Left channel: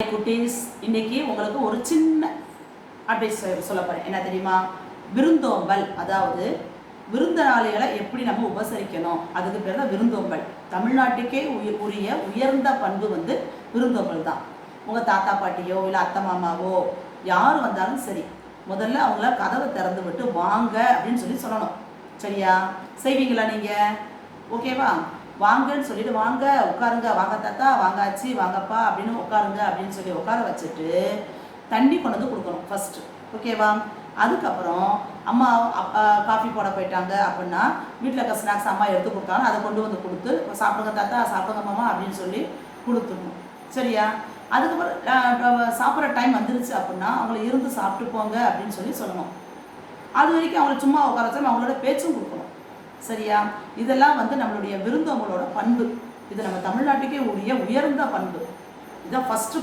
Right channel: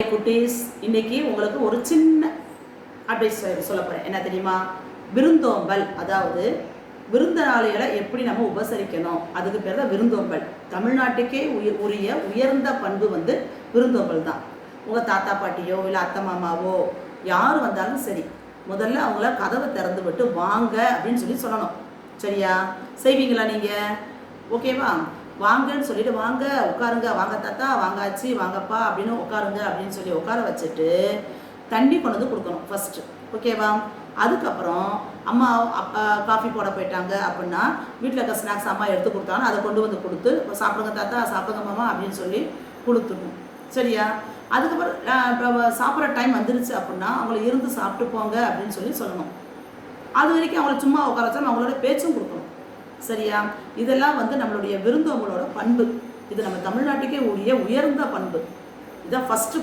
குட்டீஸ், இன்னைக்கு உங்களுக்கு ஒரு சின்ன அட்வைஸ் சொல்ல போறேன். என்ன தெரியுமா? விருந்தோம்பல், அதாவது விருந்தாளிகளை எப்படி நம்ம உபசரிக்கணும், அதுக்கு பேர் தான் விருந்தோம்பல். தமிழ்நாட்டுக்கே உரிய உயர்ந்த பண்பு வந்து விருந்தோம்பல் தான். உங்கள் தாத்தா பாட்டியோ இல்லை அத்தை மாமாவோ யார் வந்தாலும் சரி, முதல்ல அவங்கள கதவை திறந்து விட்டு வாங்க அப்படின்னு சொல்லணும். சரியா? செய்வீங்களா நீங்கள்? ஓகேவா? வாங்கன்னு சொல்லிட்டு வாங்க உட்காருங்க, வாங்க தாத்தா, வாங்காச்சு, வாங்கப்பா அப்படின்னு உட்காருங்க அப்படின்னு சொல்லி உட்கார வச்சுட்டு தண்ணி கொண்டு வந்து கொடுக்கணும் ஃபஸ்ட்டு. ஓகேவா? அதுக்கப்புறம் அம்மா அப்பா காஃபி போட போயிட்டாங்க அப்படின்னா வீட்டில் இருக்க ஸ்நாக்ஸ் அம்மா எடுத்து கொடுத்தாலும் அதை கொண்டு வந்து கொடுத்து சாப்பிடுங்க தாத்தா, சாப்பிடுங்க மாமா அப்படின்னு சொல்லி கொடுத்துடணும். சரியா? அதுக்கப்புறம் சாப்பிட்ற டைம் வந்துருச்சு அப்படின்னா அவங்கள இருந்து சாப்பிட்டு போங்க அப்படின்னு சொல்லணும். அது வரைக்கும் அவங்கள சும்மா உட்கார வச்சாலும் அவங்களோட பேச்சும் கொடுக்கணும். சரியா? இதெல்லாம் வந்து நம்மளுடைய விருந்தோம்பலோட பண்பு. இது நம்ம தமிழ்நாட்டுக்கே உரிய உயர்ந்த பண்பு. இதான் ஃபஸ்ட்டு